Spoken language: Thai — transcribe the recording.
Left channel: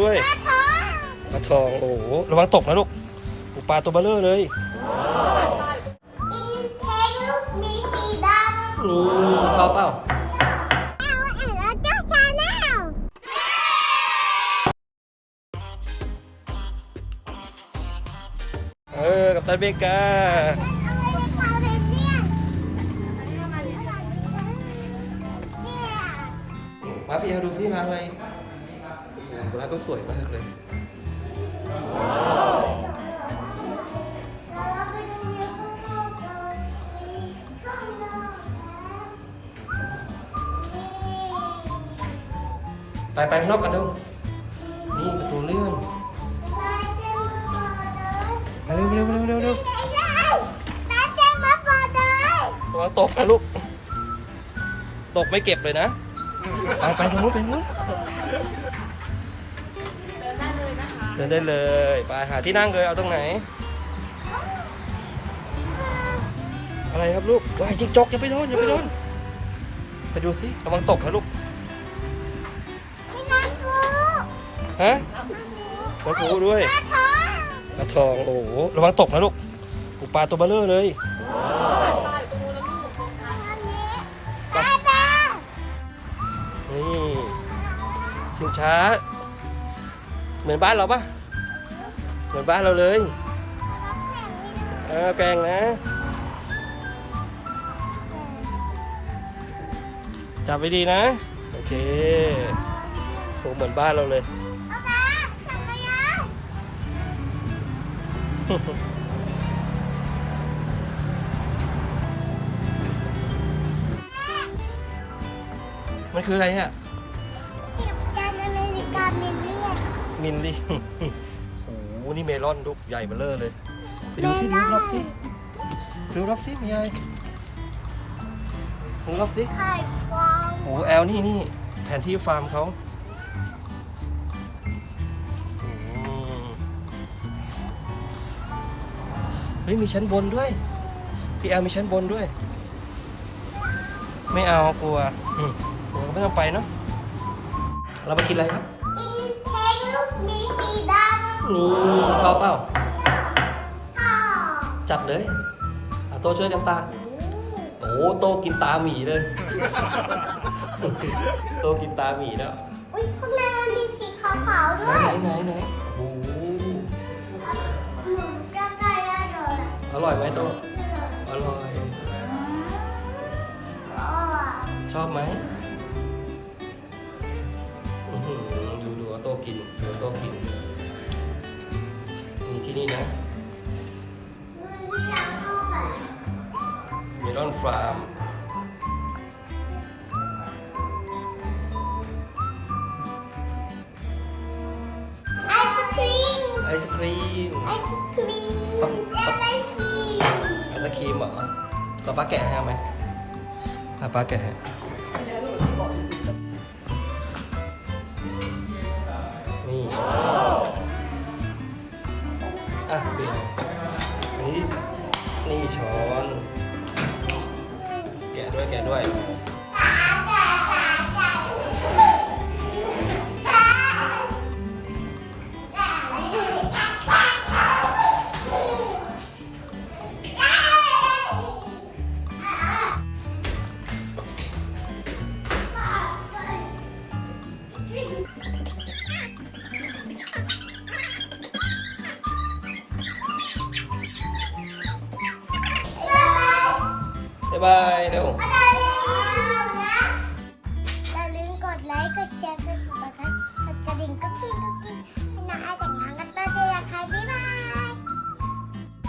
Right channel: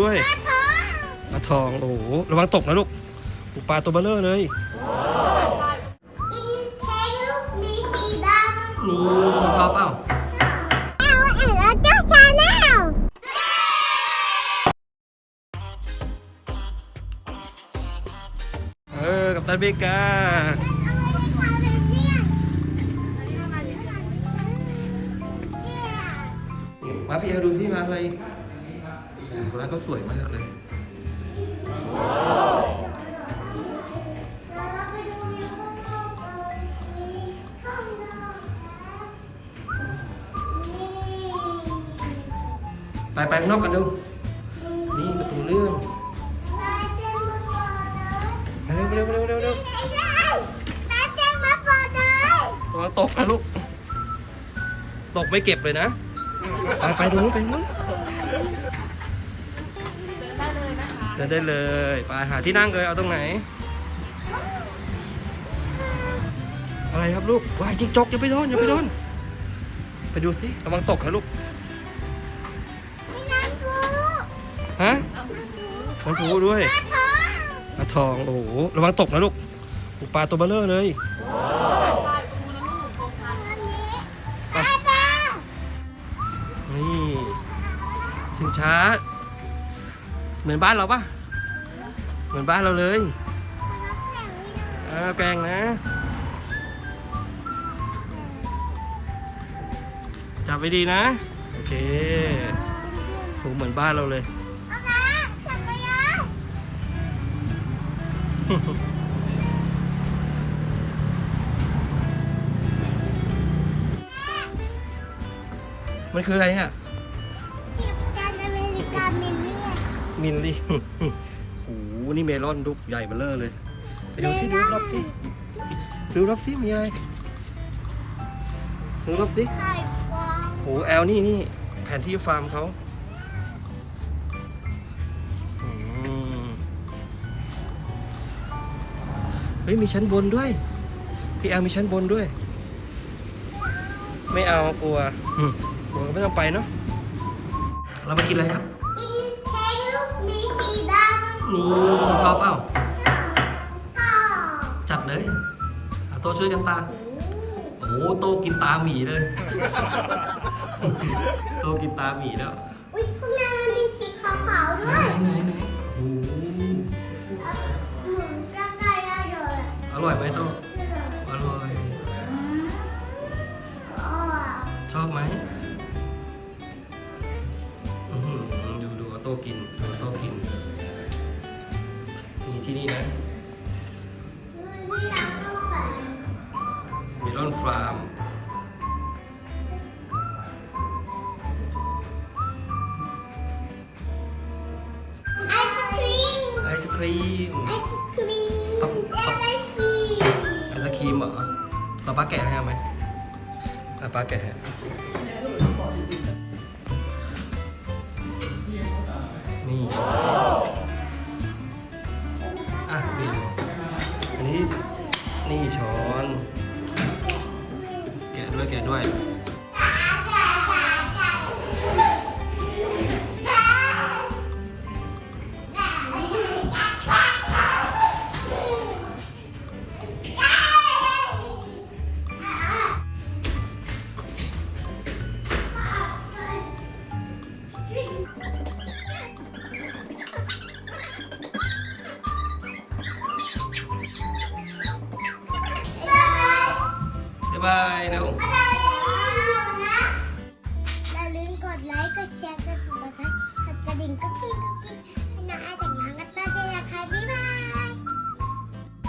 ด้วยปลาทองโอ้โหระวังตกนะลูกปลาตัวเบลเลอร์เลยอินเทลมีสีดำโอ้ชอบเปล่าเอาแอนแล้วเจ้าชาแนลเออกับตันเบกา สวยมากเลยไปไปนอกกันดูนี่ประตูเลื่อนเร็วเร็วเร็วเร็วเร็วระวังตกนะลูกตกไม่เก็บเลยนะ ไปดูไปดู นได้เลย ไปหาที่นั่งเลยเอาตรงไหน อะไรครับลูกวายจิ๊กจอกอย่าไปนอนอย่าไปนอนไปดูสิระวังตกนะลูกฮะปลาทูด้วยปลาทองโอ้โหระวังตกนะลูกปลาตัวเบลเลอร์เลยนี่ชิงช้า เหมือนบ้านเราปะเหมือนบ้านเราเลยเออแปลงนะจับไปดีนะ โอเคโหเหมือนบ้านเราเลยมันคืออะไรอะมิ ลอนลูกใหญ่เบ้อเร่อเลยไปดูสิเมลอนดูรอบสิดูรอบสิมีอะไรดูรอบสิไข่ฟองโอ้โหแอลนี่นี่แผนที่ฟาร์มเขาอืมเฮ้ยมีชั้นบนด้วย พี่แอลมีชั้นบนด้วย ไม่เอากลัวอืมกลัวก็ไม่ต้องไปเนาะเรามากินอะไรครับอินเทลมีสีดำอืม ชอบเปล่าต่อจัดเลยอาโตช่วยกันตามโอ้โหโตกินตาหมีเลย โตกินตาหมีแล้วอุ้ยข้างในมันมีสีขาวๆไหด้นวยไหนไหนโอ้โหเหมือนจะไก่อะไรเลยอร่อยไหมโต ฟาร์ม ไอศครีม ไอศครีมไอศครีมและไอศครีมแล้วครีมเหรอเราป้าแกะให้ไหมเอาป้าแกะให้นี่ แกะด้วยแกะด้วย บายเร็วอย่าลืมกดไลค์ กดแชร์ กดติดตามกดกระดิ่งก็จริงก็จ